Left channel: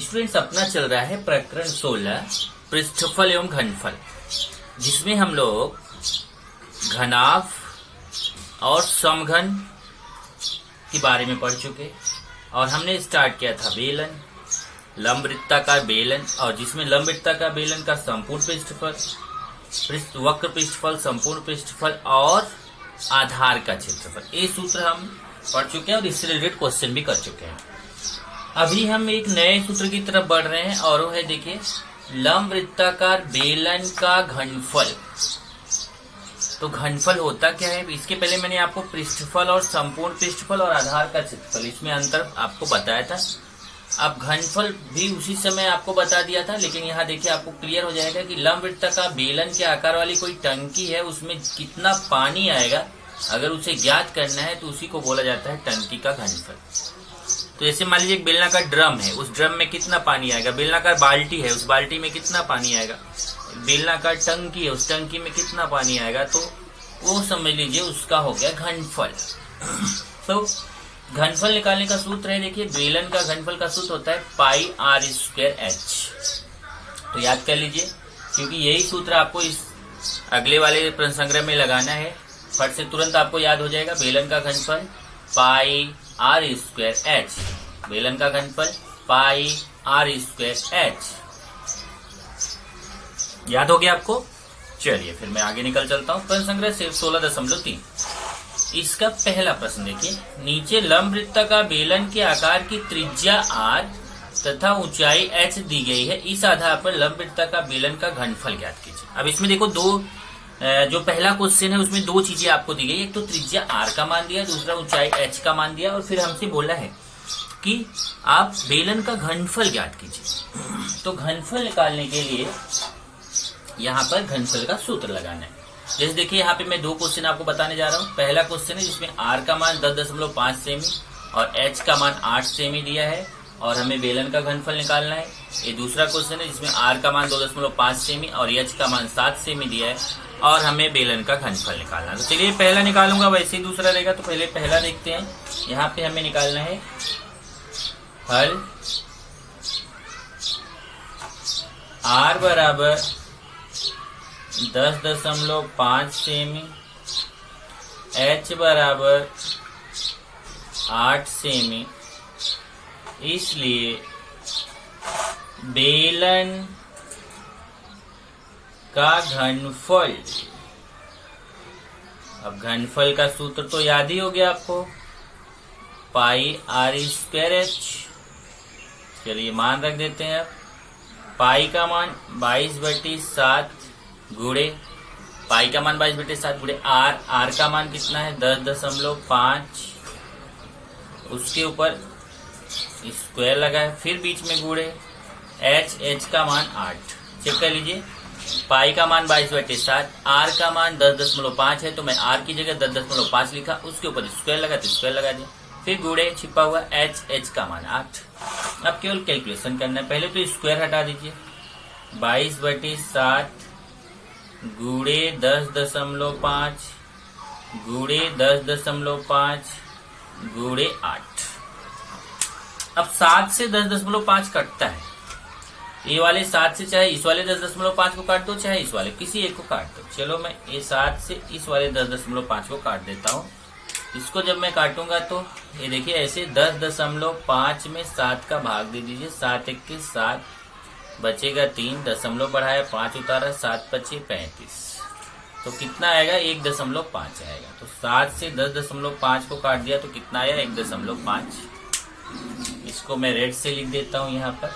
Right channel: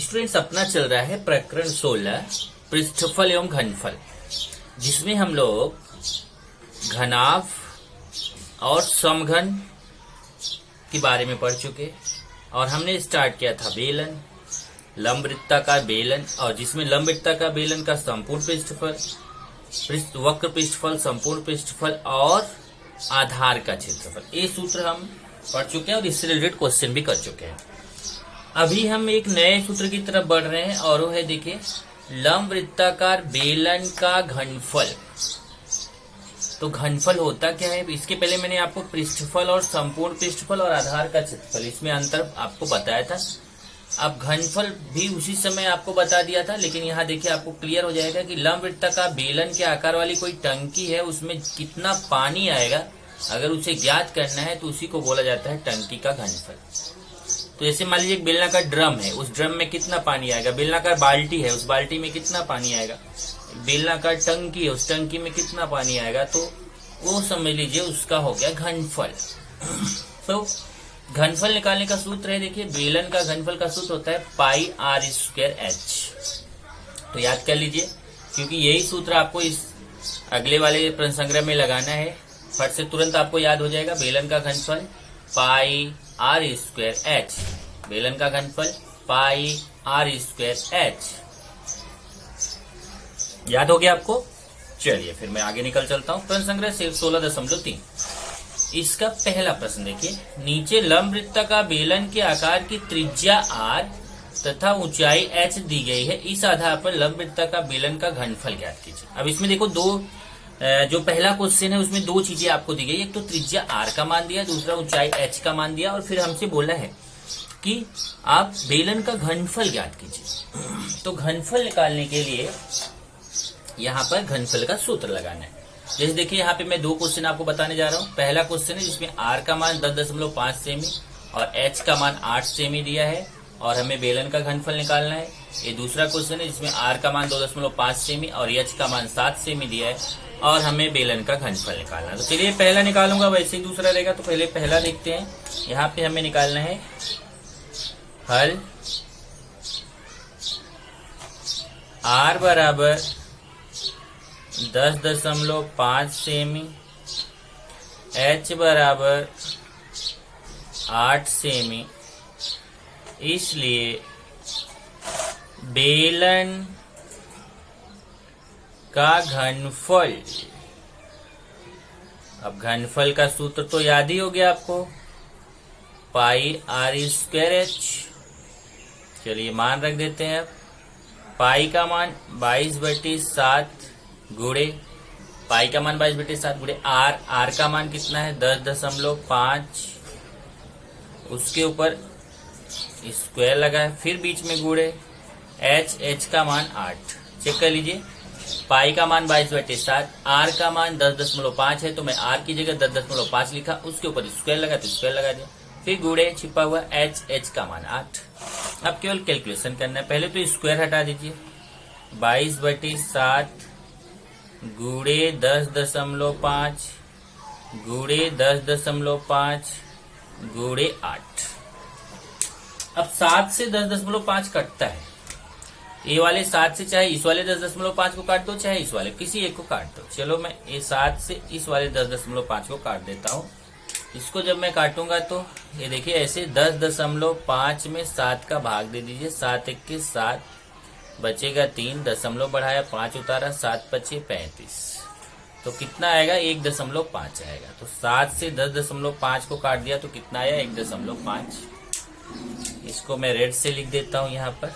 Students, अपना चल रहा है प्रकरण 16 पृष्ठफल एवं घनफल, जिसमें हम लोग घनाभ और समघन के बारे में पढ़ चुके और हमने स्टार्ट किया था बेलन, लंब वृत्ताकार बेलन, और जिसमें लंब वृत्ताकार बेलन का संपूर्ण पृष्ठफल, वक्र पृष्ठफल, संपूर्ण पृष्ठफल और आधार का क्षेत्रफल, ये सूत्र हम पढ़ चुके हैं और इससे रिलेटेड क्वेश्चन भी कर चुके हैं। अभी हम एक नए सूत्र की तरफ बढ़ रहे हैं और वो है, देखिए, लंब वृत्ताकार बेलन का घनफल। तो घनफल होता क्या है? इसके पहले मैंने आपको पृष्ठफल और संपूर्ण पृष्ठफल और आधार का क्षेत्रफल, इसमें अंतर आपको बताया था। अब घनफल भी उसी समय आपको बता दिया था, लेकिन यहाँ देखिए आपको क्लियर हो जाएगा कि लंब वृत्ताकार बेलन के आकार वाली कोई टंकी है, उसमें कितना पानी आएगा, अगर उसे ज्ञात करना है तो उसी को बोला जाता है टंकी का घनफल। तो जैसे मान लीजिए एक बेलनाकार ड्रम है, उस ड्रम में कितना पानी आएगा, बेलनाकार बाल्टी है, उस बाल्टी में कितना पानी आएगा, बेलनाकार टंकी है, उस टंकी में कितना पानी आएगा, तो वो समझ लीजिए उसका हो गया घनफल। तो घनफल निकालने का सूत्र है, देखिए, बेलन का घनफल का सूत्र होता है पाई आर स्क्वायर एच। तो याद कर लीजिए, क्योंकि यही सूत्र आपको इस अगले वाले प्रश्न संग्रह में लगाना है। फट से तुरंत आपको याद हो जाएगा, बेलन का घनफल पाई आर स्क्वायर एच, बेलन का घनफल पाई आर स्क्वायर एच। याद हो गया आपको? चलिए फिर मैं आगे निकल चलता हूँ। प्रश्न संग्रह 16.3, इसका पहला प्रश्न देखिए, नीचे लंब वृत्ताकार बेलन के आकार की त्रिज्या r तथा ऊंचाई h दी गई है, इस आधार पर लंब वृत्ताकार बेलन का घनफल ज्ञात कीजिए। अब इसमें देखो, जो पहला क्वेश्चन है उसमें दो चीजें आपको दी गई, एक तो त्रिज्या r का मान दिया, दूसरा ऊंचाई h का मान दिया, और फिर हमसे बोला है कि आप बेलन का घनफल ज्ञात कीजिए। तो घनफल निकालने के लिए यहाँ पर घनफल का सूत्र लगाना है। जैसे देखिए, यहाँ पे मैं दो क्वेश्चन आपको बताने जा रहा हूँ। पहला क्वेश्चन है जिसमें r का मान 10.5 सेमी और h का मान 8 सेमी दिया है और हमें बेलन का घनफल निकालना है। ये दूसरा क्वेश्चन है जिसमें r का मान 2.5 सेमी और h का मान 7 सेमी दिया है और हमें बेलन का घनफल निकालना है। तो चलिए पहला निकालूंगा, वैसे ही दूसरा रहेगा, तो पहले पहला देखते हैं। यहाँ पे हमें निकालना है हल r बराबर 10.5 सेमी, h बराबर 8 सेमी, इसलिए बेलन का घनफल, अब घनफल का सूत्र तो याद ही हो गया आपको, पाई आर स्क्वायर एच। चलिए मान रख देते हैं। अब पाई का मान 22/7 गुणे, पाई का मान 22/7 गुणे आर का मान कितना है 10.5, उसके ऊपर स्क्वायर लगा है, फिर बीच में गुणे एच का मान 8। चेक कर लीजिए, पाई का मान 22/7, आर का मान 10.5 है, तो मैं आर की जगह 10.5 लिखा, उसके ऊपर स्क्वायर लगा तो स्क्वायर लगा दिया, फिर गुणे छिपा हुआ एच का मान 8। अब केवल कैलकुलेशन करना है। पहले तो स्क्वायर हटा दीजिए, 22/7 गुणे 10.5 गुणे 10.5 गुणे 8। अब 7 से 10.5 कटता है, ये वाले 7 से चाहे इस वाले 10.5 को काट दो, चाहे इस वाले किसी एक को काट दो। चलो मैं ये 7 से इस वाले 10.5 को काट देता हूँ। इसको जब मैं काटूंगा तो ये देखिए, ऐसे 10.5 में 7 का भाग दे दीजिए, 7 1 के 7, बचेगा 3, दशमलव बढ़ाया 5 उतारा, 7 5 35, तो कितना आएगा 1.5 आएगा। तो 7 से 10.5 को काट दिया तो कितना आया 1.5। इसको मैं रेड से लिख देता हूं यहाँ पर।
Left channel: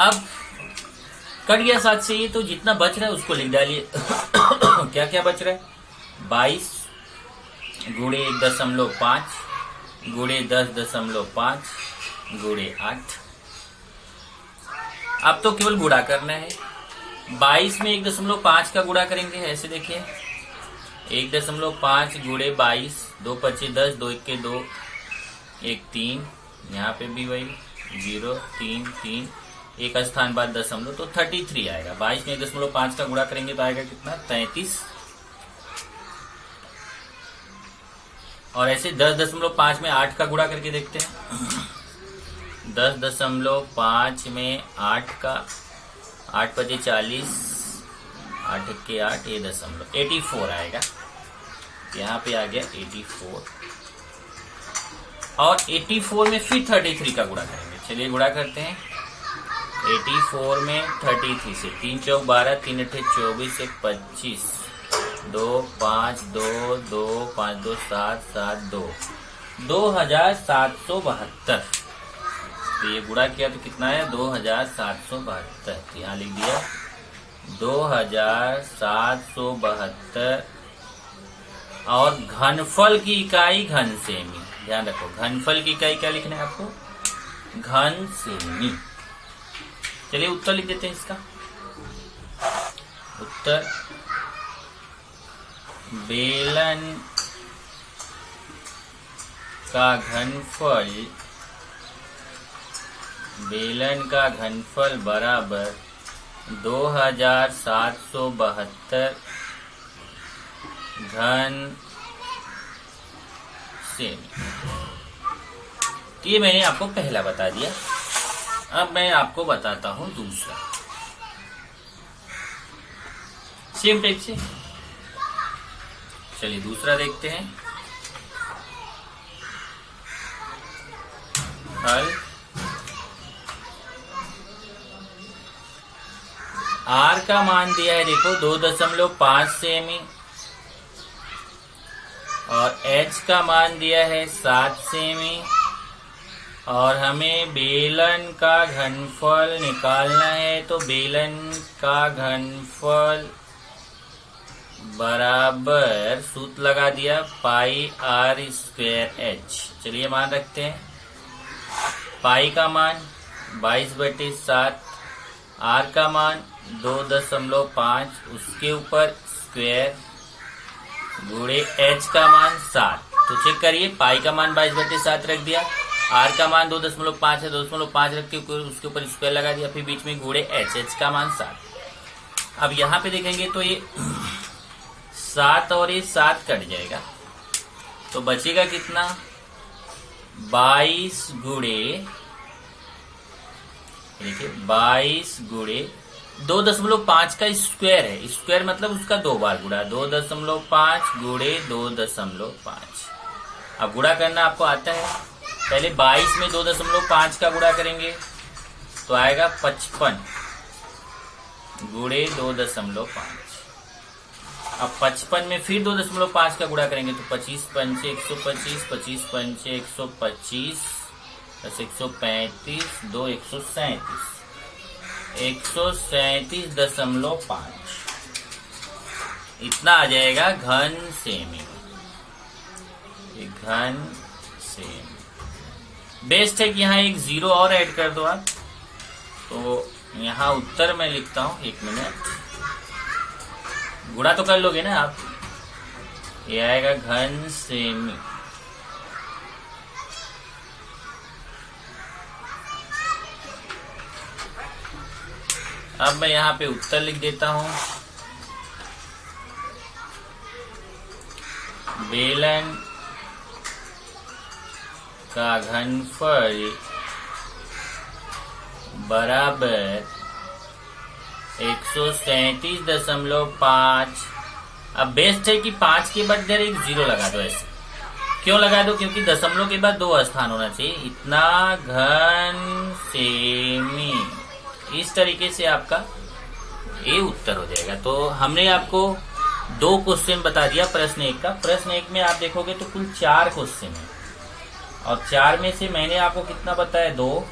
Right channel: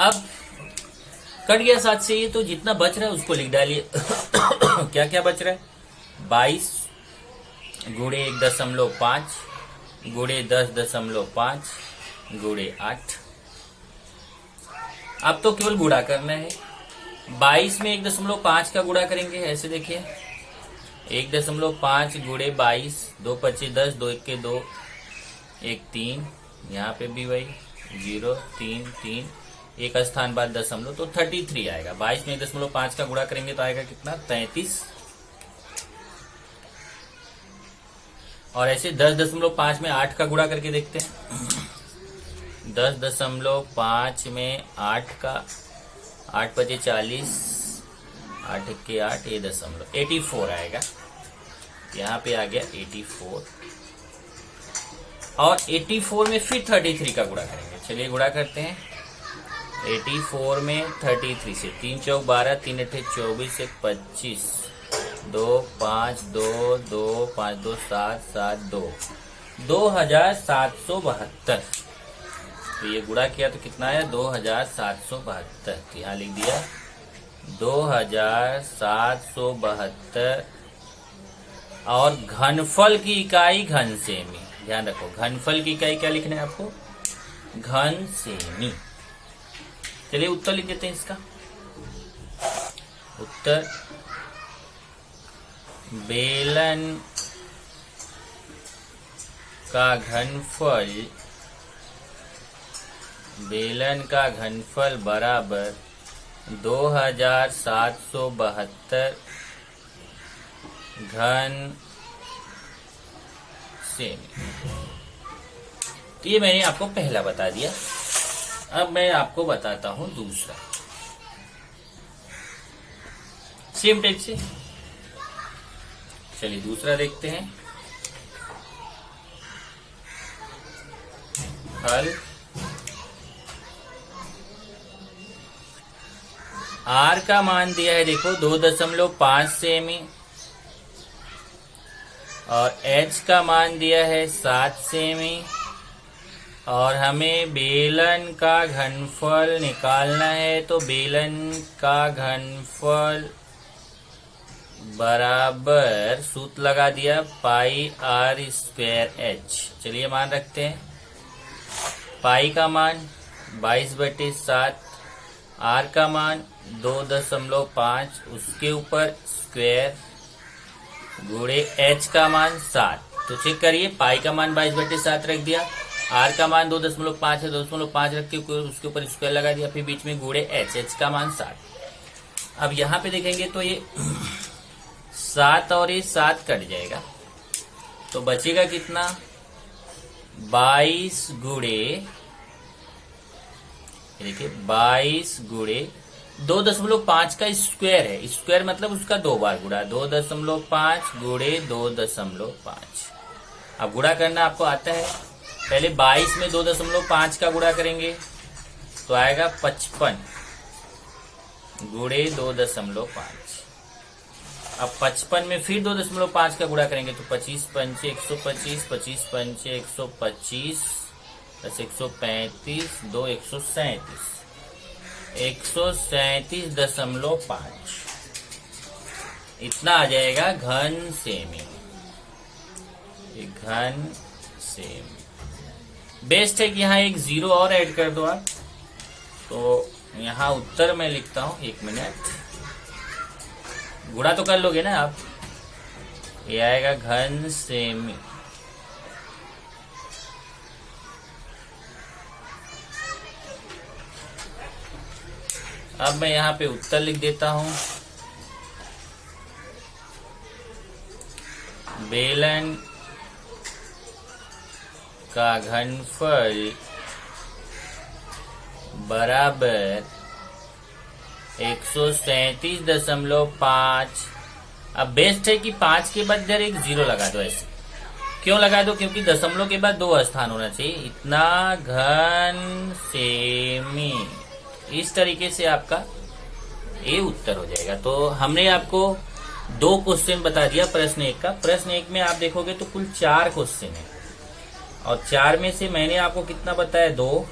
अब कट गया 7 से ये, तो जितना बच रहा है उसको लिख डालिए। क्या क्या बच रहा है, 22 गुणे 1.5 गुणे 10.5 गुणे 8। अब तो केवल गुणा करना है। 22 में 1.5 का गुणा करेंगे, ऐसे देखिए, 1.5 गुणे 22, 2 5 10, 2 1 के 2, 1 3, यहाँ पे भी वही 0 3 3, एक स्थान बाद दशमलव, तो 33 आएगा। 22 में 1.5 का गुणा करेंगे तो आएगा कितना, 33। और ऐसे 10.5 में 8 का गुणा करके देखते हैं। 10.5 में 8 का, 8 पचे 40, 8 के 8, ये 84 आएगा। यहाँ पे आ गया 84, और 84 में फिर 33 का गुणा करेंगे। चलिए गुणा करते हैं। 84 में 33 से 3 चौक 12, 3 अठे 24, 1 25, 2 5 2 2 5 2 7 7 2 2772। तो ये गुणा किया तो कितना है? 2772। यहाँ लिख दिया 2772। और घनफल की इकाई घन सेमी। ध्यान रखो, घनफल की इकाई क्या लिखना है आपको? घन सेमी। चलिए उत्तर लिख देते हैं इसका। उत्तर, बेलन का घनफल बराबर 2772 घन सेमी। ये मैंने आपको पहला बता दिया। अब मैं आपको बताता हूं दूसरा, सेम टाइप से। चलिए दूसरा देखते हैं। हल आर का मान दिया है, देखो 2.5 सेमी, और एच का मान दिया है 7 सेमी, और हमें बेलन का घनफल निकालना है। तो बेलन का घनफल बराबर, सूत्र लगा दिया, पाई आर स्क्वायर एच। चलिए मान रखते हैं। पाई का मान 22/7, आर का मान 2.5, उसके ऊपर स्क्वायर, गुणे एच का मान 7। तो चेक करिए, पाई का मान 22/7 रख दिया, आर का मान 2.5 है, 2.5 रख के उसके ऊपर स्क्वायर लगा दिया, फिर बीच में गुणे एच का मान 7। अब यहाँ पे देखेंगे तो ये 7 और ये 7 कट जाएगा, तो बचेगा कितना? 22 गुणे, देखिए 22 गुणे 2.5 का स्क्वायर है। स्क्वायर मतलब उसका 2 बार गुणा, 2.5 गुणे 2.5। अब गुणा करना आपको आता है। पहले 22 में 2.5 का गुणा करेंगे तो आएगा 55 गुणे 2.5। अब 55 में फिर 2.5 का गुणा करेंगे तो 25 पंचे 125, 25 पंचे 125, 135, 2 137, 137.5। इतना आ जाएगा घन सेमी। घन सेमी। बेस्ट है कि यहाँ एक 0 और ऐड कर दो आप। तो यहाँ उत्तर मैं लिखता हूँ, 1 मिनट, गुणा तो कर लोगे ना आप। ये आएगा घन सेमी। अब मैं यहाँ पे उत्तर लिख देता हूँ। बेलन का घनफल बराबर 137.5। अब बेस्ट है कि 5 के बाद इधर एक 0 लगा दो। ऐसे क्यों लगा दो? क्योंकि दशमलव के बाद 2 स्थान होना चाहिए। इतना घन सेमी। इस तरीके से आपका ये उत्तर हो जाएगा। तो हमने आपको 2 क्वेश्चन बता दिया प्रश्न 1 का। प्रश्न 1 में आप देखोगे तो कुल 4 क्वेश्चन है, और 4 में से मैंने आपको कितना बताया? 2।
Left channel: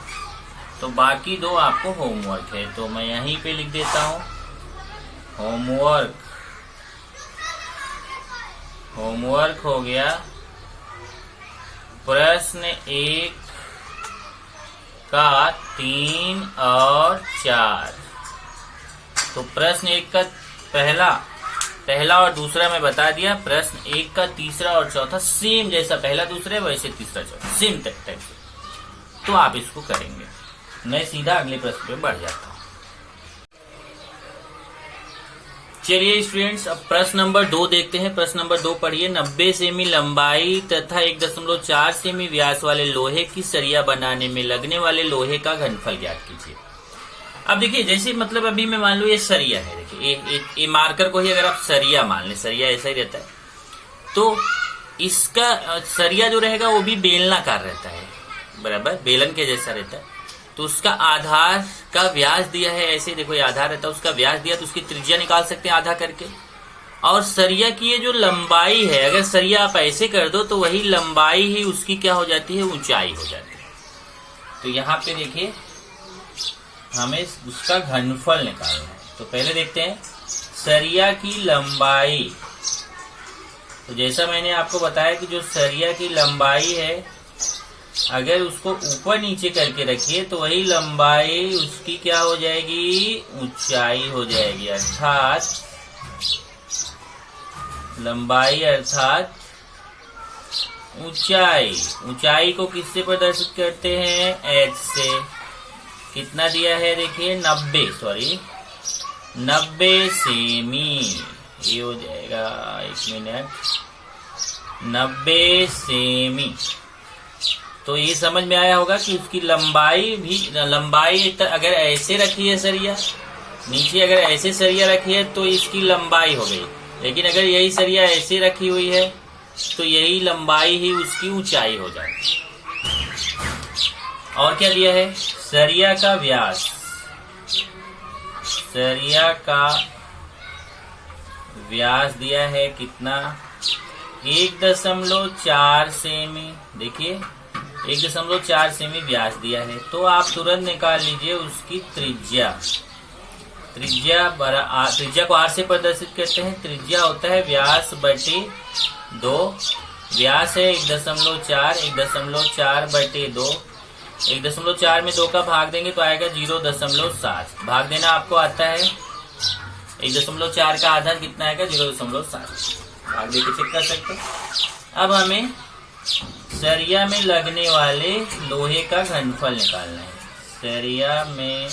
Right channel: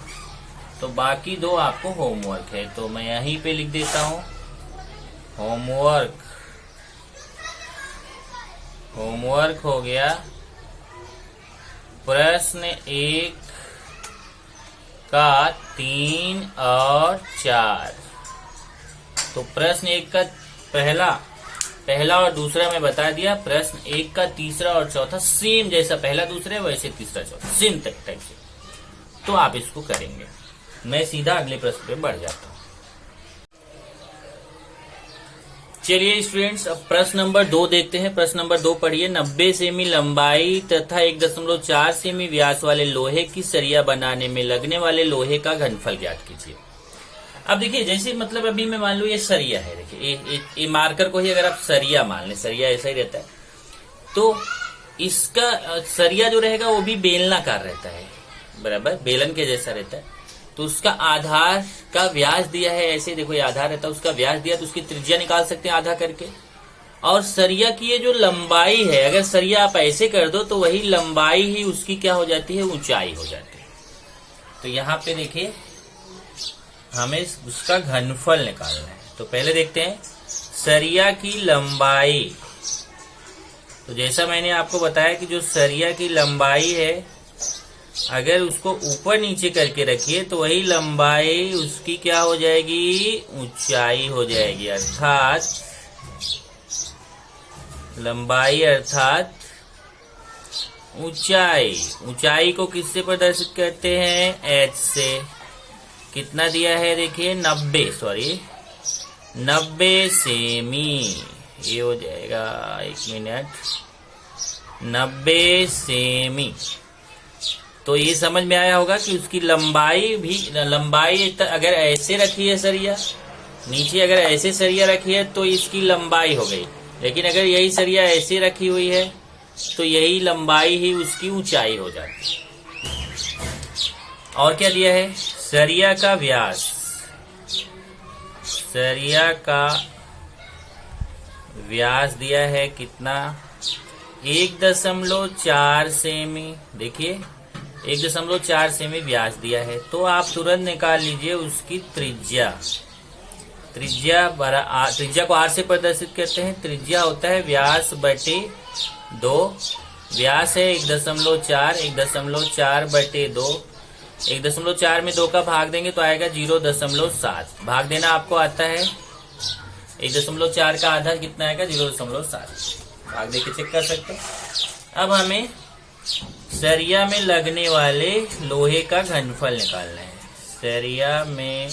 तो बाकी 2 आपको होमवर्क है। तो मैं यहीं पे लिख देता हूँ होमवर्क हो गया। प्रश्न 1 का 3 और 4। तो प्रश्न 1 का पहला और दूसरा मैं बता दिया। प्रश्न 1 का तीसरा और चौथा सेम, जैसा पहला दूसरा वैसे तीसरा चौथा सेम टाइप से। तो आप इसको करेंगे। मैं सीधा अगले प्रश्न पे बढ़ जाता हूँ। चलिए स्टूडेंट्स, अब प्रश्न नंबर 2 देखते हैं। प्रश्न नंबर 2 पढ़िए। 90 सेमी लंबाई तथा 1.4 सेमी व्यास वाले लोहे की सरिया बनाने में लगने वाले लोहे का घनफल ज्ञात कीजिए। अब देखिए, जैसे मतलब अभी मैं मान लू ये सरिया है। देखिए ये मार्कर को ही अगर आप सरिया मान लें, सरिया ऐसा ही रहता है, तो इसका सरिया जो रहेगा वो भी बेलनाकार रहता है, बराबर बेलन के जैसा रहता है। तो उसका आधार का व्यास दिया है, ऐसे देखो ये आधार रहता है, उसका व्यास दिया तो उसकी त्रिज्या निकाल सकते हैं आधा करके। और सरिया की ये जो लंबाई है, अगर सरिया आप ऐसे कर दो तो वही लंबाई ही उसकी क्या हो जाती है, ऊंचाई हो जाती है। तो यहाँ पे देखिए हमें उसका घनफल निकालना है। तो पहले देखते हैं सरिया की लंबाई। तो जैसा मैंने आपको बताया कि जो सरिया की लंबाई है, अगर उसको ऊपर नीचे करके रखिए तो वही लंबाई उसकी क्या हो जाएगी, ऊंचाई हो जाएगी। अर्थात लंबाई अर्थात ऊंचाई। ऊंचाई को किससे प्रदर्शित करते हैं, h से। कितना दिया है देखिए 90 सेमी। ये हो जाएगा, 1 मिनट, 90 सेमी। तो ये समझ में आया होगा कि उसकी लंबाई अगर ऐसे रखी है सरिया, नीचे अगर ऐसे सरिया रखी है तो इसकी लंबाई हो गई। लेकिन अगर यही सरिया ऐसे रखी हुई है तो यही लंबाई ही उसकी ऊंचाई हो जाती है। और क्या दिया है, सरिया का व्यास। सरिया का व्यास दिया है कितना, 1.4 सेमी। देखिए 1.4 सेमी व्यास दिया है। तो आप तुरंत निकाल लीजिए उसकी त्रिज्या। त्रिज्या को आर से प्रदर्शित करते हैं। त्रिज्या होता है व्यास बटे 2। व्यास है 1.4, 1.4 बटे 2। 1.4 में 2 का भाग देंगे तो आएगा 0.7। भाग देना आपको आता है। 1.4 का आधार कितना आएगा, 0.7। भाग देके चेक कर सकते हैं। अब हमें सरिया में लगने वाले लोहे का घनफल निकालना है। सरिया में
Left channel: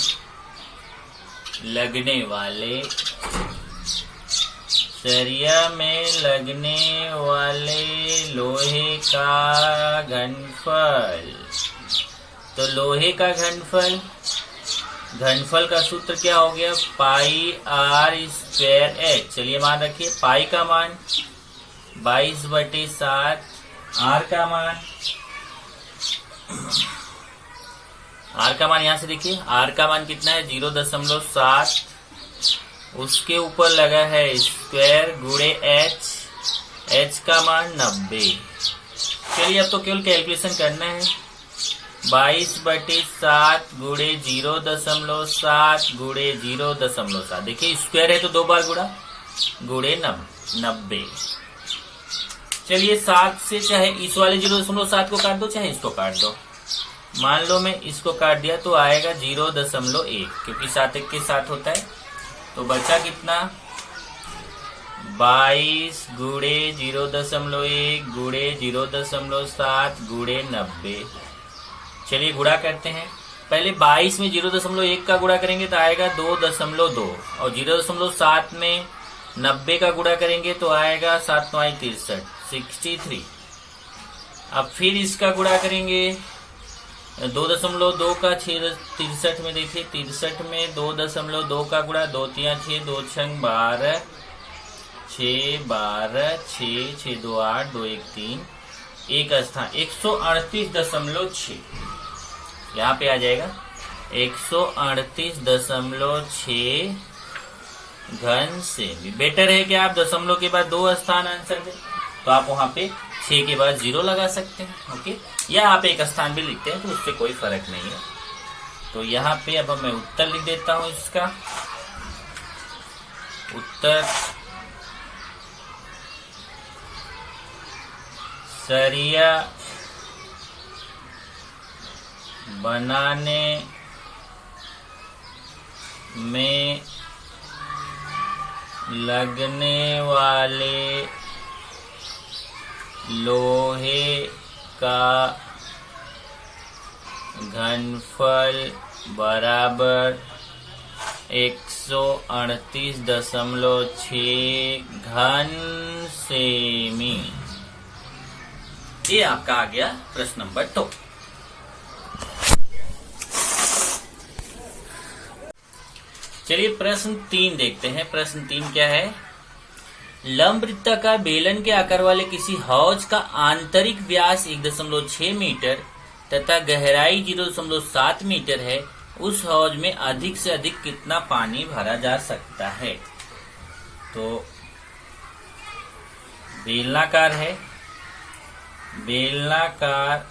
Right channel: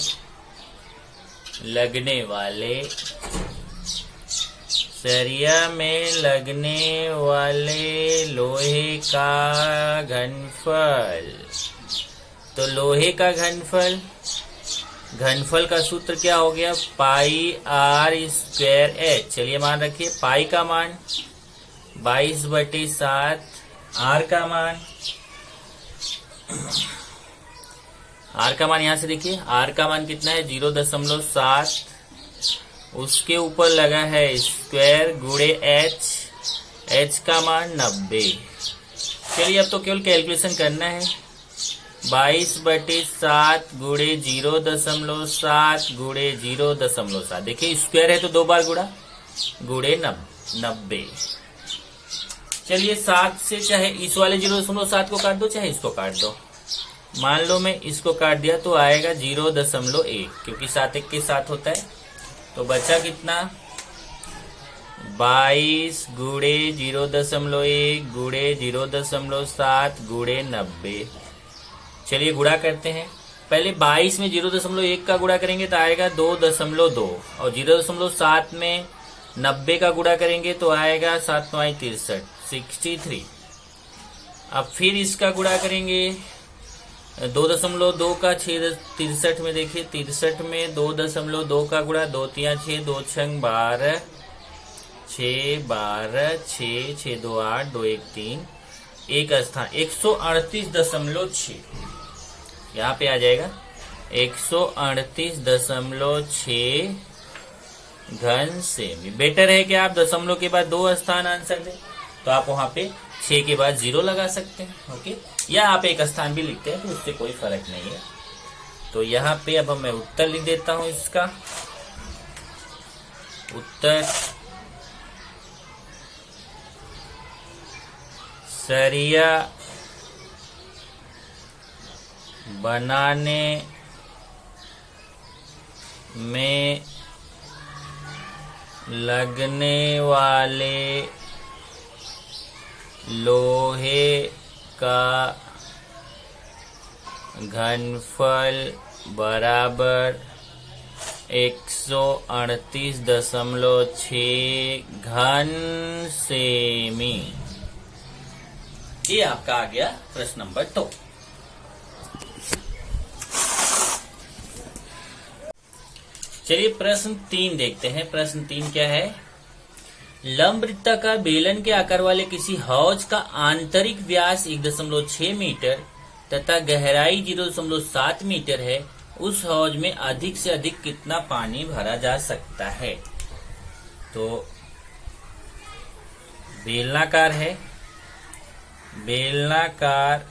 लगने वाले लोहे का घनफल। तो लोहे का घनफल का सूत्र क्या हो गया, पाई आर स्क्वायर एच। चलिए मान रखिए, पाई का मान 22/7, आर का मान यहां से देखिए, आर का मान कितना है 0.7। उसके ऊपर लगा है स्क्वायर गुणे एच का मान 90। चलिए अब तो केवल कैलकुलेशन करना है। 22/7 गुणे 0.7 गुणे 0.7। देखिए स्क्वायर है तो 2 बार गुणे 90। चलिए 7 से चाहे इस वाले 0.7 को काट दो, चाहे इसको काट दो। मान लो मैं इसको काट दिया तो आएगा 0.1, क्योंकि 7 1 के 7 होता है। तो बचा कितना, 22 गुणे 0.1 गुणे 0.7 गुणे 90। चलिए गुणा करते हैं। पहले 22 में 0.1 का गुणा करेंगे तो आएगा 2.2, और 0.7 में 90 का गुणा करेंगे तो आएगा 7 9 63, 63। अब फिर इसका गुणा करेंगे 2.2 का 63 में। देखिए 63 में 2.2 का गुणा, 2 3 6, 2 6 12, 6 12, 6 6 2 8, 2 1 3, एक स्थान 138.6 यहाँ पे आ जाएगा। 138.6 घन सेमी। बेटर है कि आप दशमलव के बाद 2 स्थान आंसर दें, तो आप वहां पे 6 के बाद 0 लगा सकते हैं, ओके। या आप एक स्थान भी लिखते हैं तो उससे कोई फर्क नहीं है। तो यहाँ पे अब मैं उत्तर लिख देता हूं। इसका उत्तर सरिया बनाने में लगने वाले लोहे का घनफल बराबर 138.6 घन सेमी। ये आपका आ गया प्रश्न नंबर 2। चलिए प्रश्न 3 देखते हैं। प्रश्न 3 क्या है? लंब वृत्ताकार बेलन के आकार वाले किसी हौज का आंतरिक व्यास 1.6 मीटर तथा गहराई 0.7 मीटर है। उस हौज में अधिक से अधिक कितना पानी भरा जा सकता है? तो बेलनाकार है, बेलनाकार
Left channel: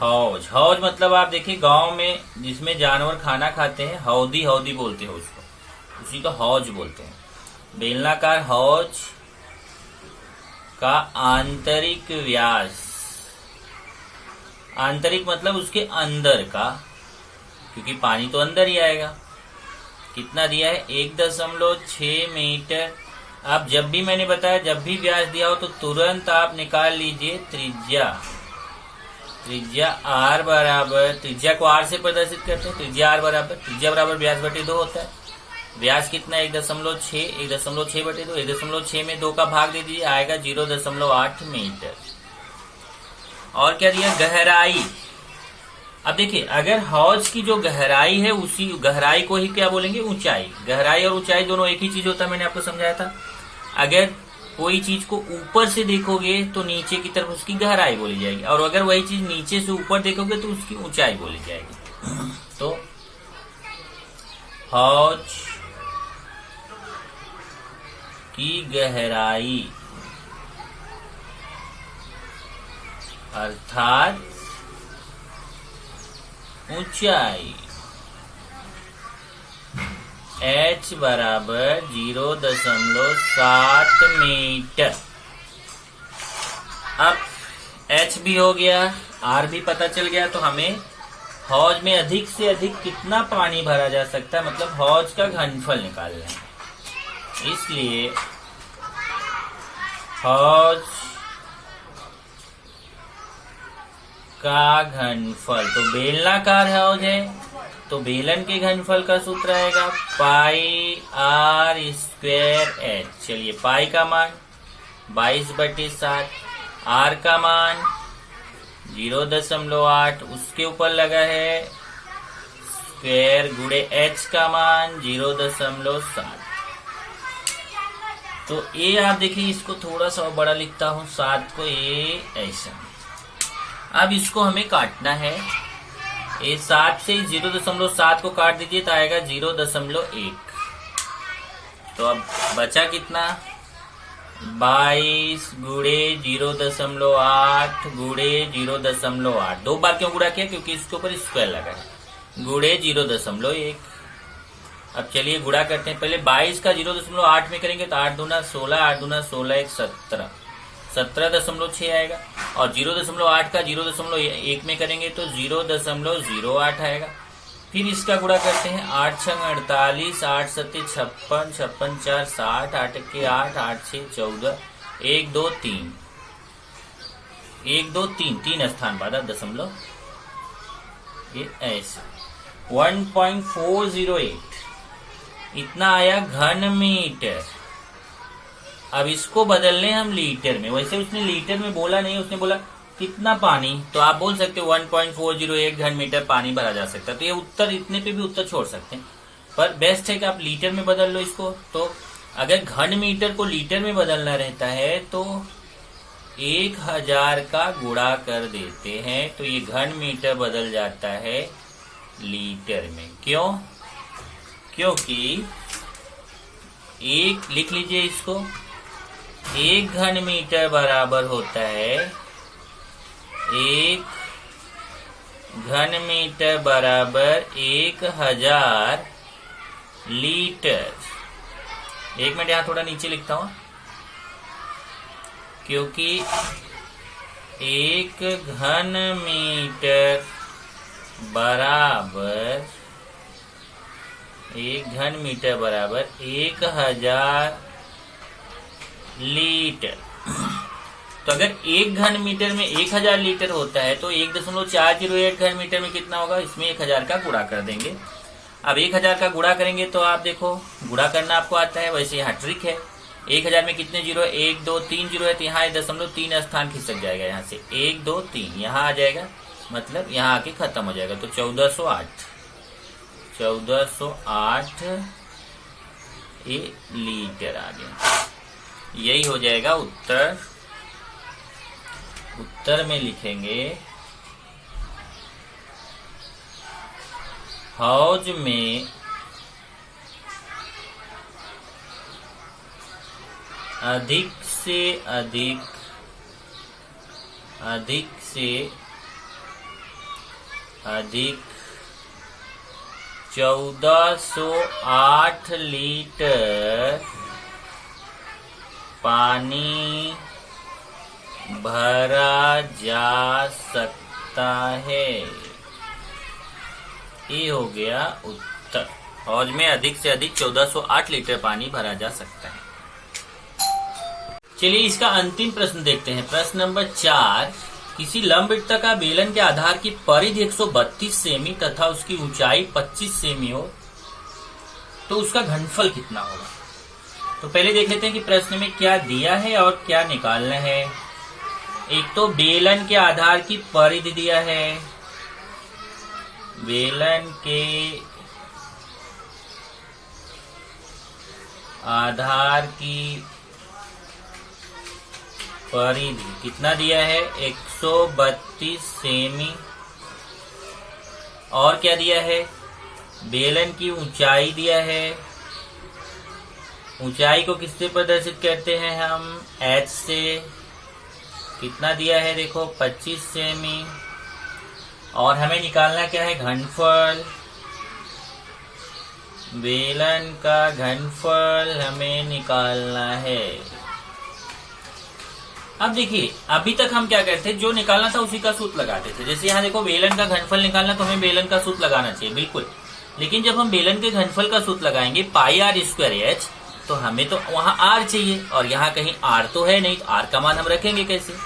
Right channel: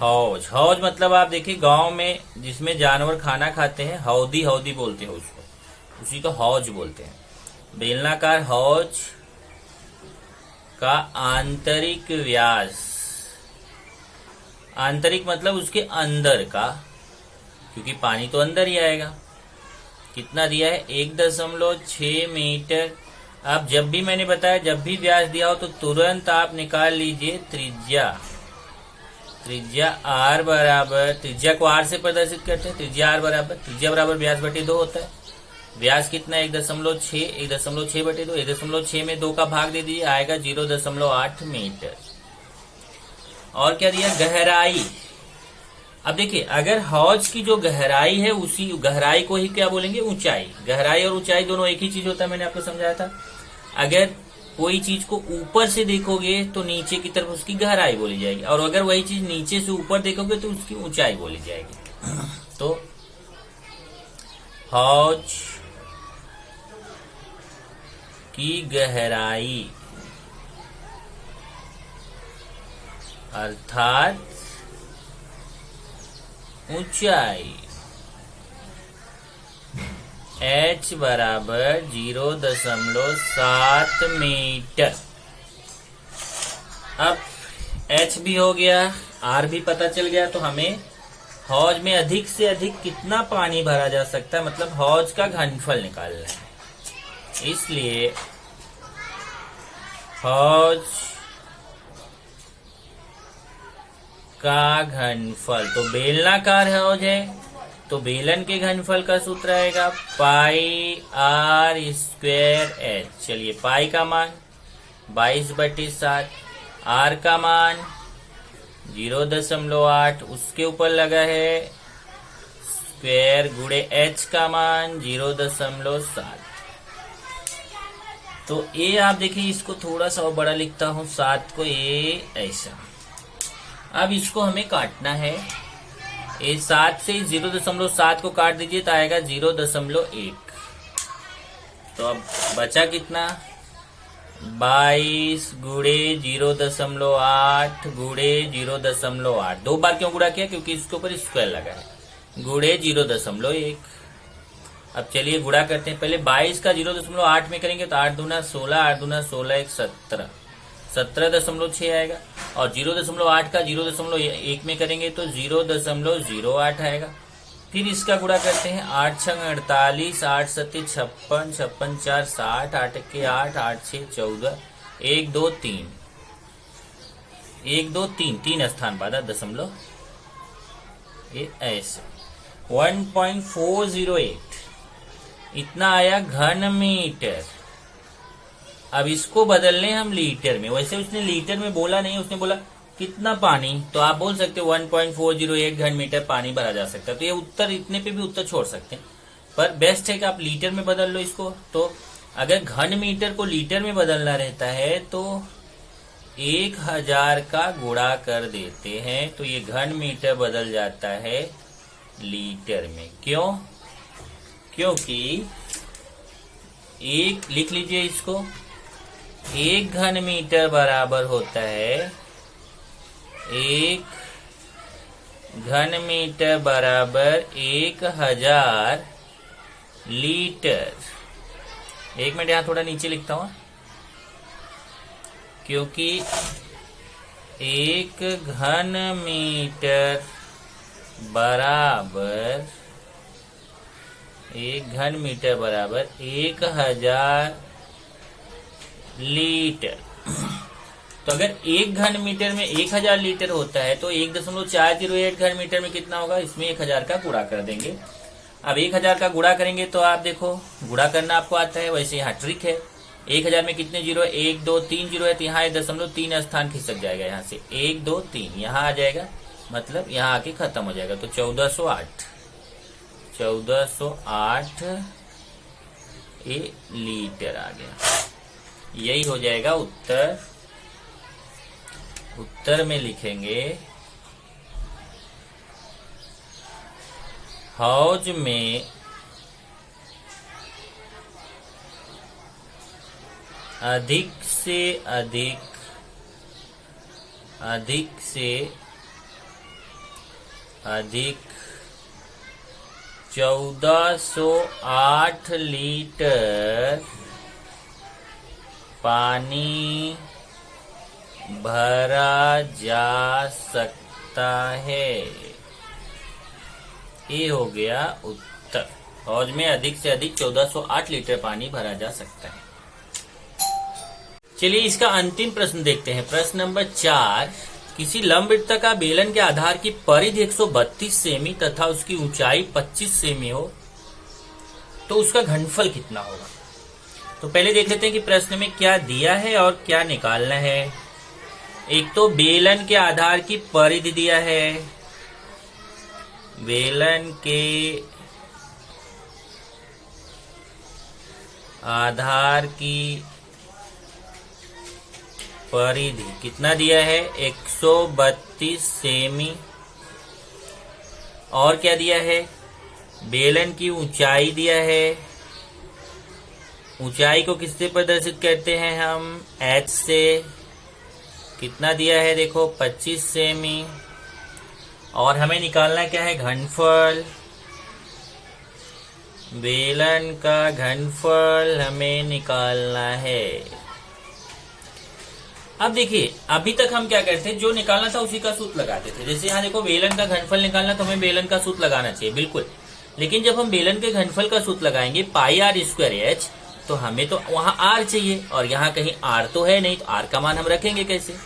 हौज। हौज मतलब आप देखिए गांव में जिसमें जानवर खाना खाते हैं, हौदी हौदी बोलते हैं उसको, उसी को हौज बोलते हैं। बेलनाकार हौज का आंतरिक व्यास, आंतरिक मतलब उसके अंदर का, क्योंकि पानी तो अंदर ही आएगा। कितना दिया है? 1.6 मीटर। अब जब भी मैंने बताया, जब भी व्यास दिया हो तो तुरंत आप निकाल लीजिए त्रिज्या। त्रिज्या आर बराबर, त्रिज्या को आर से प्रदर्शित करते हैं। त्रिज्या आर बराबर, त्रिज्या बराबर व्यास बटे 2 होता है। व्यास कितना? 1.6, 1.6 बटे 2, 1.6 में 2 का भाग दे दीजिए, आएगा 0.8 मीटर। और क्या दिया? गहराई। अब देखिए, अगर हौज की जो गहराई है, उसी गहराई को ही क्या बोलेंगे? ऊंचाई। गहराई और ऊंचाई दोनों एक ही चीज होता है, मैंने आपको समझाया था। अगर कोई चीज को ऊपर से देखोगे तो नीचे की तरफ उसकी गहराई बोली जाएगी, और अगर वही चीज नीचे से ऊपर देखोगे तो उसकी ऊंचाई बोली जाएगी। तो हौज की गहराई अर्थात ऊंचाई h बराबर 0.7 मीटर। अब h भी हो गया, r भी पता चल गया, तो हमें हौज में अधिक से अधिक कितना पानी भरा जा सकता है, मतलब हौज का घनफल निकालना है। इसलिए हौज का घनफल, तो बेलनाकार हौज है तो बेलन के घनफल का सूत्र आएगा पाई आर स्क्वायर एच। चलिए, पाई का मान 22/7, आर का मान 0.8, उसके ऊपर लगा है स्क्वायर गुणे एच का मान 0.7। तो ए आप देखिए, इसको थोड़ा सा बड़ा लिखता हूं, 7 को ए ऐसा। अब इसको हमें काटना है। ए 7 से 0.7 को काट दीजिए तो आएगा 0.1। तो अब बचा कितना? 22 गुणे 0.8 गुणे 0.8। 2 बार क्यों गुणा किया? क्योंकि इसके ऊपर स्क्वायर लगा है, गुणे 0.1। अब चलिए गुणा करते हैं। पहले 22 का 0.8 में करेंगे तो 8 दूना 16, 8 दूना 16, 1 17, 17.6 आएगा। और 0.8 का 0.1 में करेंगे तो 0.08 आएगा। फिर इसका गुणा करते हैं। 8 छंग 48, 8 सत्ते 56, 56 4 60, 8 के 8, 8 6 14, 1 2 3, 1 2 3, 3 स्थान बाद दशमलव, ये ऐसे 1.408 इतना आया घन मीटर। अब इसको बदलने हम लीटर में। वैसे उसने लीटर में बोला नहीं, उसने बोला कितना पानी, तो आप बोल सकते हो 1.408 घन मीटर पानी भरा जा सकता है। तो ये उत्तर, इतने पे भी उत्तर छोड़ सकते हैं, पर बेस्ट है कि आप लीटर में बदल लो इसको। तो अगर घन मीटर को लीटर में बदलना रहता है तो 1000 का गुणा कर देते हैं, तो ये घन मीटर बदल जाता है लीटर में। क्यों? क्योंकि एक, लिख लीजिए इसको, 1 घन मीटर बराबर होता है, 1 घन मीटर बराबर 1000 लीटर। 1 मिनट यहां थोड़ा नीचे लिखता हूं, क्योंकि 1 घन मीटर बराबर 1000 लीटर। तो अगर 1 घन मीटर में 1000 लीटर होता है तो 1.408 घन मीटर में कितना होगा? इसमें 1000 का गुणा कर देंगे अब 1000 का गुणा करेंगे तो आप देखो गुणा करना आपको आता है, वैसे यहाँ ट्रिक है। 1000 में कितने जीरो है? 1 2 3 जीरो है, तो यहाँ 0.3 स्थान खिसक जाएगा, यहाँ से 1 2 3 यहाँ आ जाएगा, मतलब यहाँ आके खत्म हो जाएगा। तो 1408 लीटर आ गया। यही हो जाएगा उत्तर। उत्तर में लिखेंगे हौज में अधिक से अधिक 1408 लीटर पानी भरा जा सकता है। ये हो गया उत्तर। हौज में अधिक से अधिक 1408 लीटर पानी भरा जा सकता है। चलिए इसका अंतिम प्रश्न देखते हैं। प्रश्न नंबर 4, किसी लंबवृत्ताकार बेलन के आधार की परिधि 132 सेमी तथा उसकी ऊंचाई 25 सेमी हो तो उसका घनफल कितना होगा। तो पहले देख लेते हैं कि प्रश्न में क्या दिया है और क्या निकालना है। एक तो बेलन के आधार की परिधि दिया है, बेलन के आधार की परिधि कितना दिया है? 132 सेमी। और क्या दिया है? बेलन की ऊंचाई दिया है। ऊंचाई को किससे प्रदर्शित करते हैं हम? h से। कितना दिया है? देखो 25 सेमी। और हमें निकालना क्या है? घनफल। बेलन का घनफल हमें निकालना है। अब देखिए अभी तक हम क्या करते थे, जो निकालना था उसी का सूत्र लगाते थे। जैसे यहाँ देखो बेलन का घनफल निकालना तो हमें बेलन का सूत्र लगाना चाहिए, बिल्कुल। लेकिन जब हम बेलन के घनफल का सूत्र लगाएंगे पाई आर स्क्वायर एच, तो हमें तो वहाँ आर चाहिए और यहाँ कहीं आर तो है नहीं, तो आर का मान हम रखेंगे कैसे?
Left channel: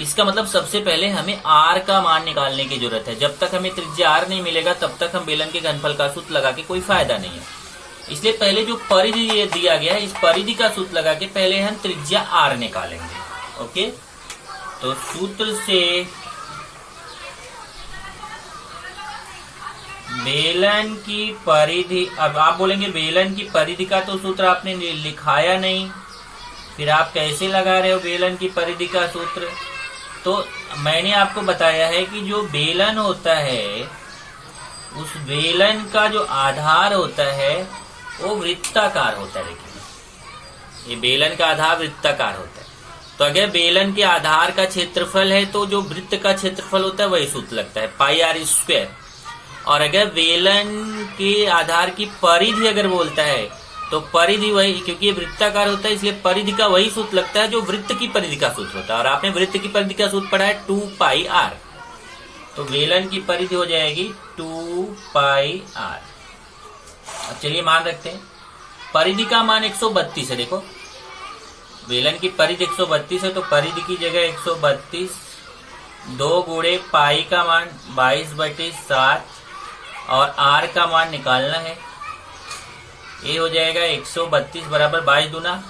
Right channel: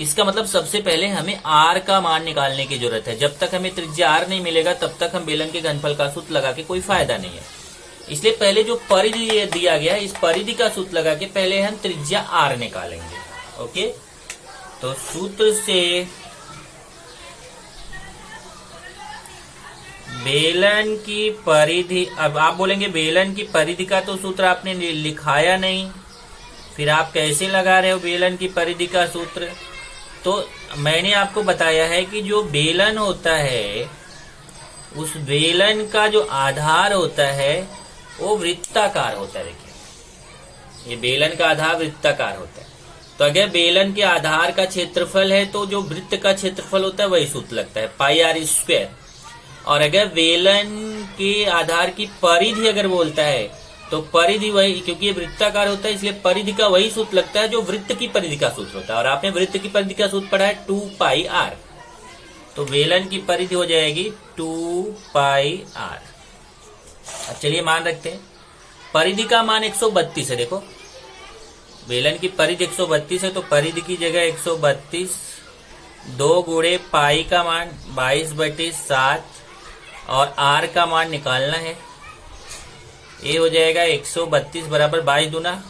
इसका मतलब सबसे पहले हमें आर का मान निकालने की जरूरत है। जब तक हमें त्रिज्या आर नहीं मिलेगा तब तक हम बेलन के घनफल का सूत्र लगा के कोई फायदा नहीं है। इसलिए पहले जो परिधि दिया गया है इस परिधि का सूत्र लगा के पहले हम त्रिज्या आर निकालेंगे। ओके, तो सूत्र से बेलन की परिधि, अब आप बोलेंगे बेलन की परिधि का तो सूत्र आपने लिखाया नहीं, फिर आप कैसे लगा रहे हो बेलन की परिधि का सूत्र? तो मैंने आपको बताया है कि जो बेलन होता है उस बेलन का जो आधार होता है वो वृत्ताकार होता है। ये बेलन का आधार वृत्ताकार होता है। तो अगर बेलन के आधार का क्षेत्रफल है तो जो वृत्त का क्षेत्रफल होता है वही सूत्र लगता है, पाई आर स्क्वायर। और अगर बेलन के आधार की परिधि अगर बोलता है तो परिधि वही, क्योंकि ये वृत्ताकार होता है इसलिए परिधि का वही सूत्र लगता है जो वृत्त की परिधि का सूत्र होता है। और आपने वृत्त की परिधि का सूत्र पढ़ा है 2 पाई आर। तो बेलन की परिधि हो जाएगी 2 पाई आर। अब चलिए मान रखते हैं। परिधि का मान 132 है। देखो बेलन की परिधि 132 है तो परिधि की जगह 132 2 गुणे पाई का मान 22/7 और आर का मान निकालना है। ये हो जाएगा 132 बराबर 22 दूना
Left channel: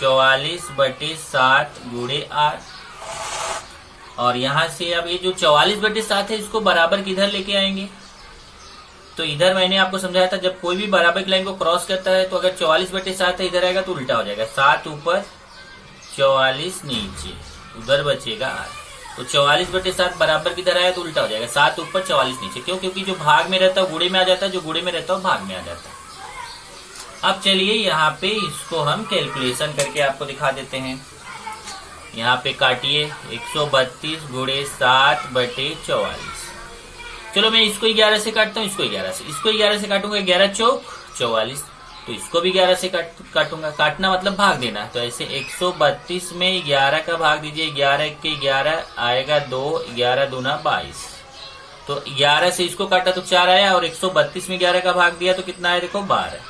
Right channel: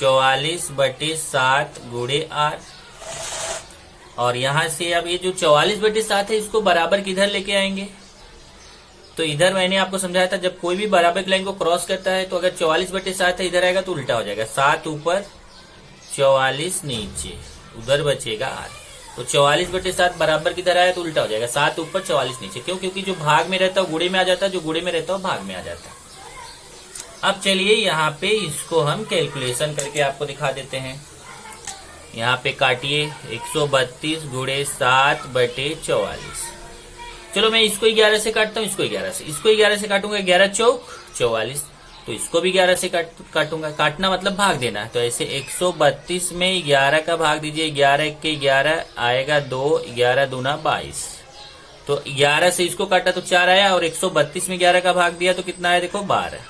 44/7 गुणे आर। और यहां से अब ये जो 44/7 है इसको बराबर किधर लेके आएंगे? तो इधर मैंने आपको समझाया था जब कोई भी बराबर की लाइन को क्रॉस करता है तो अगर 44/7 है इधर आएगा तो उल्टा हो जाएगा, 7 ऊपर 44 नीचे, उधर बचेगा आर। तो 44/7 बराबर किधर आया तो उल्टा हो जाएगा, 7 ऊपर 44 नीचे। क्यों? क्योंकि जो भाग में रहता है गुणे में आ जाता है, जो गुणे में रहता है भाग में आ जाता है। अब चलिए यहाँ पे इसको हम कैलकुलेशन करके आपको दिखा देते हैं। यहाँ पे काटिए 132 गुणे 7/44। चलो मैं इसको 11 से काटता हूँ, इसको 11 से, इसको 11 से काटूंगा, 11 चौक 44, तो इसको भी 11 से काटूंगा। काटना मतलब भाग देना। तो ऐसे 132 में 11 का भाग दीजिए, 11 के 11 आएगा 2, 11 दूना 22। तो 11 से इसको काटा तो 4 आया और 132 में 11 का भाग दिया तो कितना आया? देखो 12।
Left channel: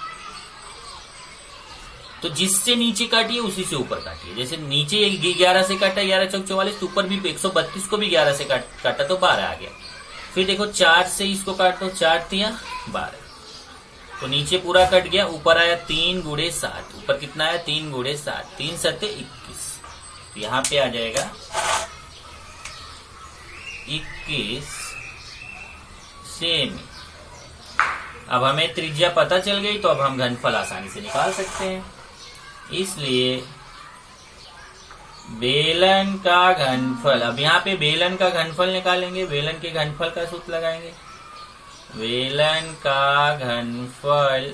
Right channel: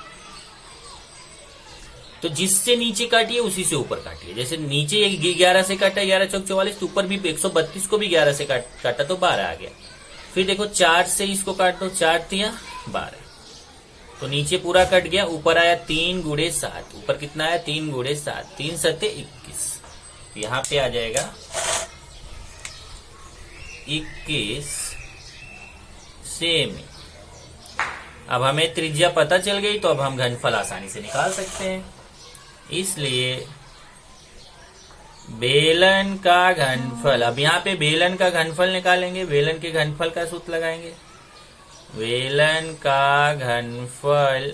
तो जिससे नीचे काटिए उसी से ऊपर काटिए। जैसे नीचे 11 से काटा 11 चौक 44, तो ऊपर भी 132 को भी 11 से काटा तो 12 आ गया। फिर देखो 4 से इसको काट दो, 4 तिया 12। तो नीचे पूरा कट गया, ऊपर आया 3 गुणे 7। ऊपर कितना आया? 3 गुणे 7, 3 सत्ते 21। तो यहाँ पे आ जाएगा 21 सेमी। अब हमें त्रिज्या पता चल गई, तो अब हम घनफल आसानी से निकाल सकते हैं। इसलिए बेलन का घनफल, अब यहाँ पे बेलन का घनफल निकालेंगे। बेलन के घनफल का सूत्र लगाएंगे। बेलन का घनफल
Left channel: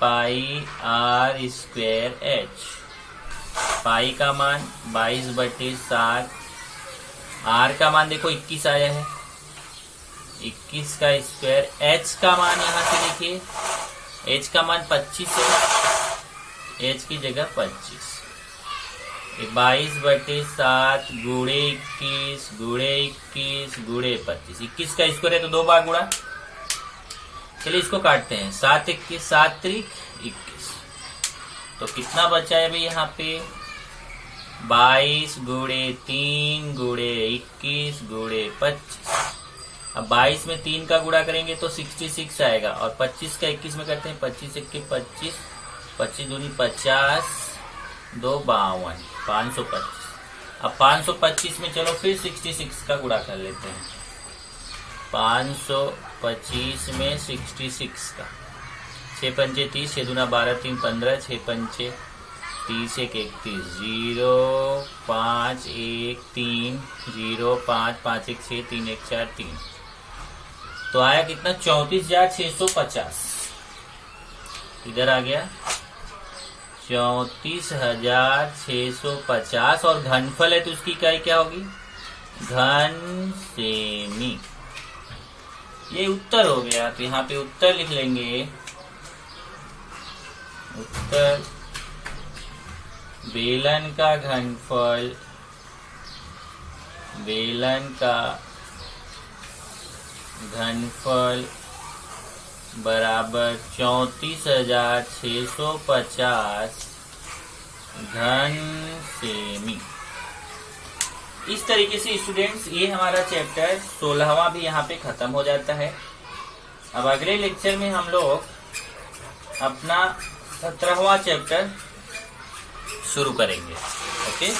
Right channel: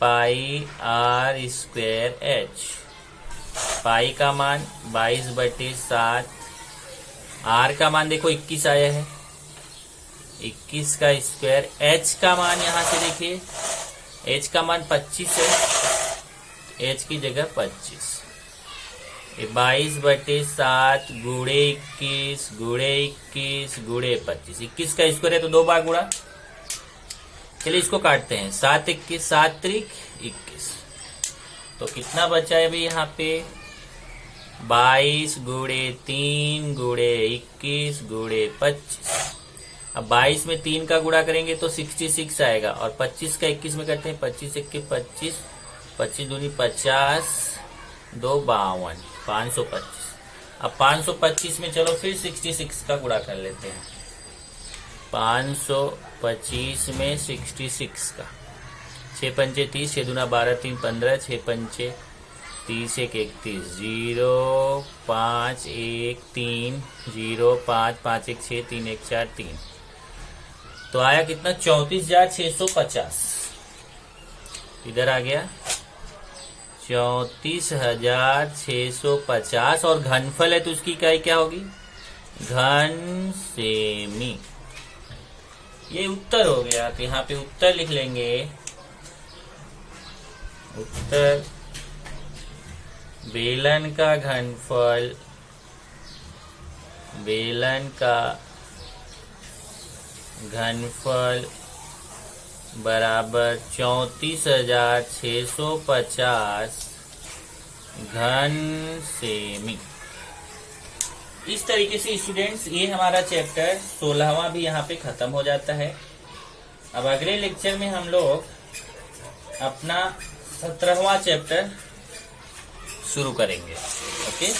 पाई r स्क्वायर h। पाई का मान 22/7, r का मान देखो 21 आया है, 21 का स्क्वायर। h का मान यहां से देखिए, h का मान 25 है, h की जगह 25। 22/7 गुणे 21 गुणे 21 गुणे 25। 21 का स्क्वायर है तो 2 बार गुणा। चलिए इसको काटते हैं। 7 21, 7 त्रिक 21। तो कितना बचा है भाई यहाँ पे? 22 गुणे 3 गुणे 21 गुणे 25। अब 22 में 3 का गुणा करेंगे तो 66 आएगा, और 25 का 21 में करते हैं। 25 1 25, 25 दूनी 50, 2 52, 525। अब 525 में चलो फिर 66 का गुणा कर लेते हैं। 525 में 66 का, 6 पंचे 30, 6 दूना 12, 3 15, 6 पंचे 30 1 31, 0 5 1 3, 0 5 5 1 6, 3 1 4 3। तो आया कितना? 34,650। इधर आ गया 34,650, और घनफल है तो उसकी इकाई क्या होगी? घन सेमी। ये उत्तर हो गया। तो यहाँ पे उत्तर लिख लेंगे। उत्तर बेलन का घनफल, बेलन का घनफल बराबर 34,650 घन सेमी। इस तरीके से स्टूडेंट्स ये हमारा चैप्टर 16वां भी यहाँ पे खत्म हो जाता है। अब अगले लेक्चर में हम लोग अपना 17वां चैप्टर शुरू करेंगे। ओके।